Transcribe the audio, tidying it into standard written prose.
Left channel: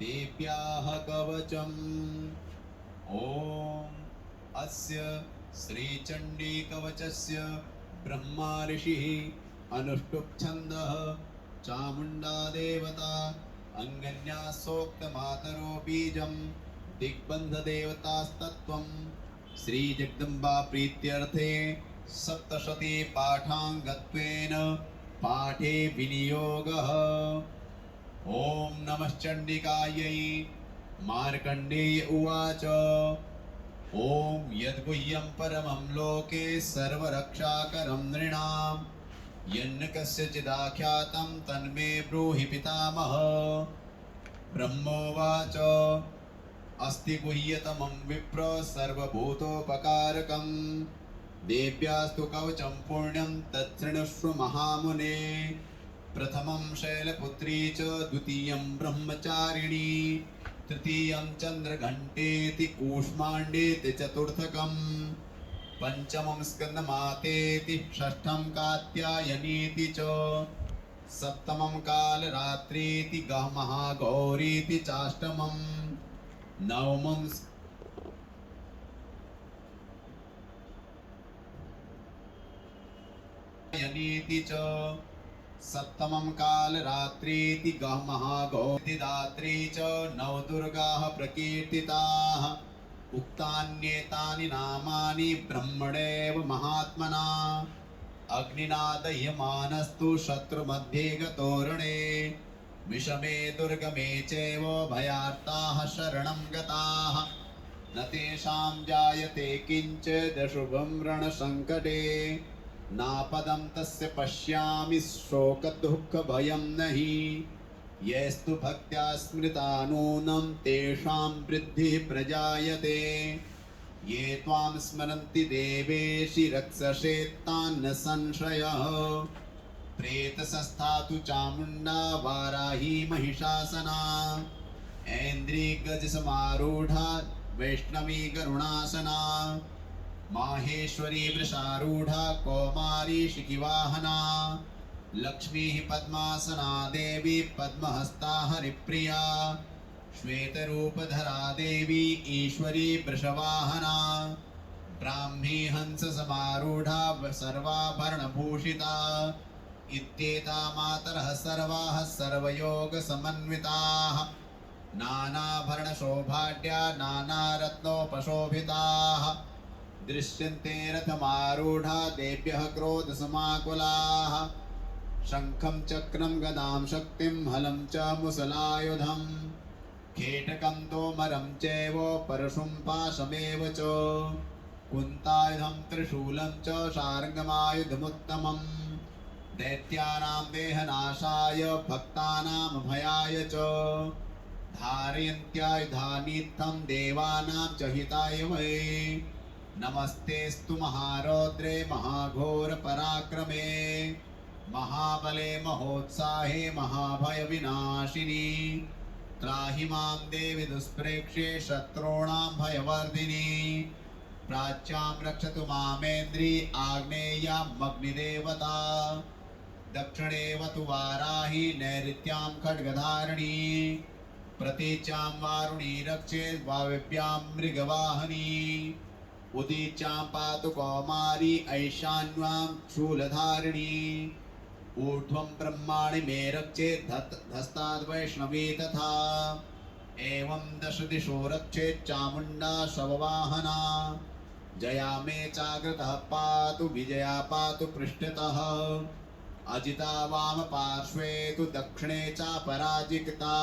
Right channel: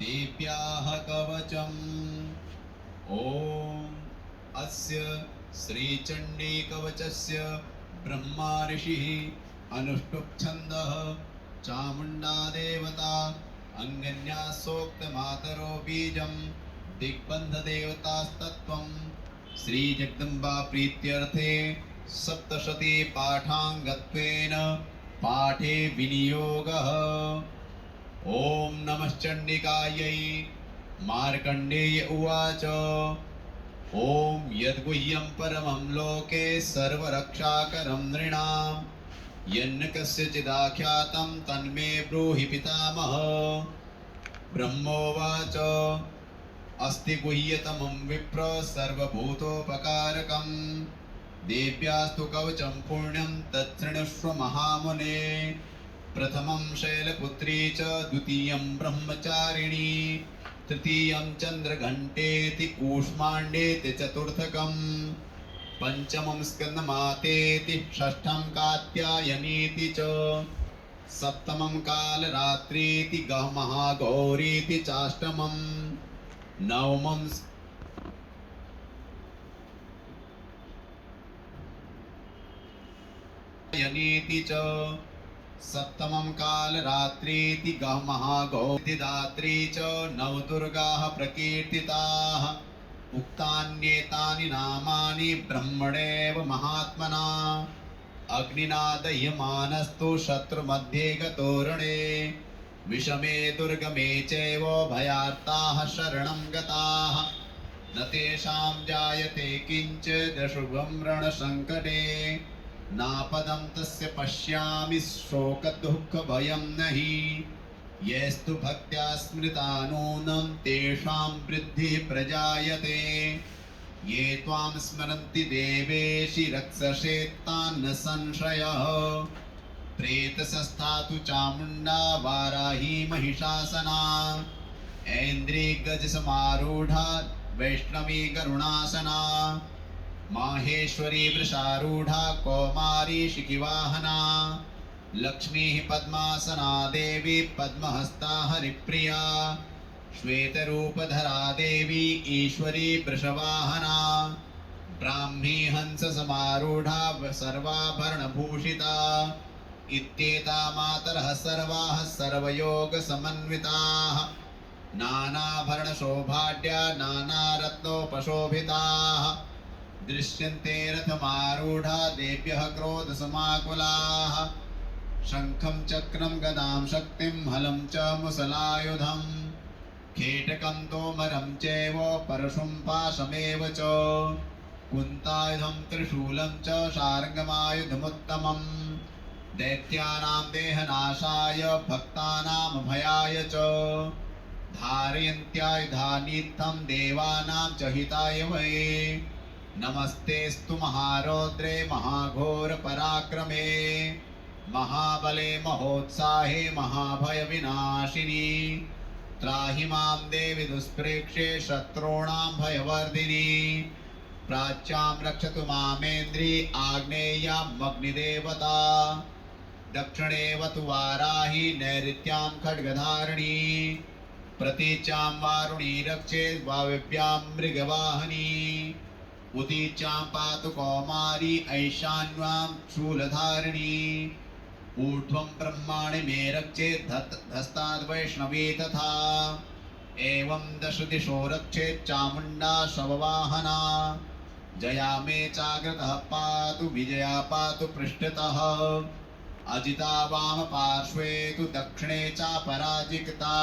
देव्याः कवचम्। ॐ अस्य श्रीचण्डी कवचस्य ब्रह्मा ऋषिः अनुष्टुप् चामुण्डा देवता अंगन्यासोक्तमातरो बीजं दिग्बन्धदेवतास्तत्त्वं श्रीजगदम्बा प्रीत्यर्थे सप्तशती पाठाङ्गत्वेन पाठे विनियोगः। ॐ नमश्चण्डिकायै। मार्कण्डेय उवाच ॐ यद्गुह्यं परमं लोके सर्वरक्षाकरं नृणां यन्न कस्यचिदाख्यातं तन्मे ब्रूहि पितामह। ब्रह्मोवाच अस्ति गुह्यतमं विप्र सर्वभूतोपकारकं देव्यास्तु कवचं पुण्यं तच्छृणुष्व महामुने। प्रथमं शैलपुत्री च द्वितीयं ब्रह्मचारिणी तृतीयं चन्द्रघण्टेति कूष्माण्डेति चतुर्थकं पंचमं स्कन्दमातेति षष्ठं कात्यायनीति च सप्तमं कालरात्रीति महागौरीति चाष्टमं नवमं यनीति च सप्तमं कालरात्रीति महागौरीति दात्री च नवदुर्गाः प्रकीर्तिताः। उक्तान्येतानि नामानि ब्रह्मणेव महात्मना अग्निना दह्यमानस्तु शत्रुमध्ये गतोरणे विषमे दुर्गमे चैव भयार्ताः शरणं गताः न तेषां जायते किञ्चित् शुभं रणसङ्कटे नापदं तस्य पश्यामि शोकदुःखभयं नहि येस्तु भक्त्या स्मृता नूनं तेषां वृद्धिः प्रजायते ये त्वां स्मरन्ति देवेशि रक्षसे तान्न संशयः प्रेतसस्तातु चामुण्डा वाराही महिषासना ऐन्द्री गजसमारूढा वैष्णवी गरुणासना माहेश्वरी वृषारूढा कौमारी शिखिवाहना लक्ष्मीः पद्मासना देवी पद्महस्ता हरिप्रिया श्वेतरूपधरा देवी ईश्वरी वृषवाहना ब्राह्मी हंससमारूढा सर्वाभरणभूषिता इत्येता मातरः सर्वाः सर्वयोगसमन्विताः नानाभरणशोभाढ्या नानारत्नोपशोभिताः दृश्यन्ते रथमारूढा देव्यः क्रोधसमाकुलाः शङ्खं चक्रं गदां शक्तिं हलं च मुसलायुधं खेटकं तोमरं चैव परशुं पाशमेव च कुन्तायुधं त्रिशूलं च शार्ङ्गमायुधमुत्तमं दैत्यानां देहनाशाय भक्तानां भयाय च धारयन्त्यायुधानीत्थं देवानां च हिताय वै नमस्तेस्तु महारौद्रे महाघोर पराक्रमे महाबले महोत्साहे महाभय विनाशिनी त्राहि मां देवि दुष्प्रेक्षे शत्रूणां भयवर्धिनी प्राच्यां रक्षतु मामेन्द्री आग्नेयामग्निदेवता दक्षिणेवतु वाराही नैऋत्यां खड्गधारिणी प्रतीच्यां वारुणी रक्षेत् वायव्यां मृगवाहनी उदीच्यां पातु कौमारी ऐशान्यां शूलधारिणी ऊर्ध्वं ब्रह्माणि मे रक्षेत् धस्ताद्वैष्णवी तथा एवं दश दिशो रक्षेत् चामुण्डा शववाहना जया मे चाग्रतः पातु विजया पातु पृष्ठतः अजिता वाम पार्श्वे तु दक्षिणे चापराजिता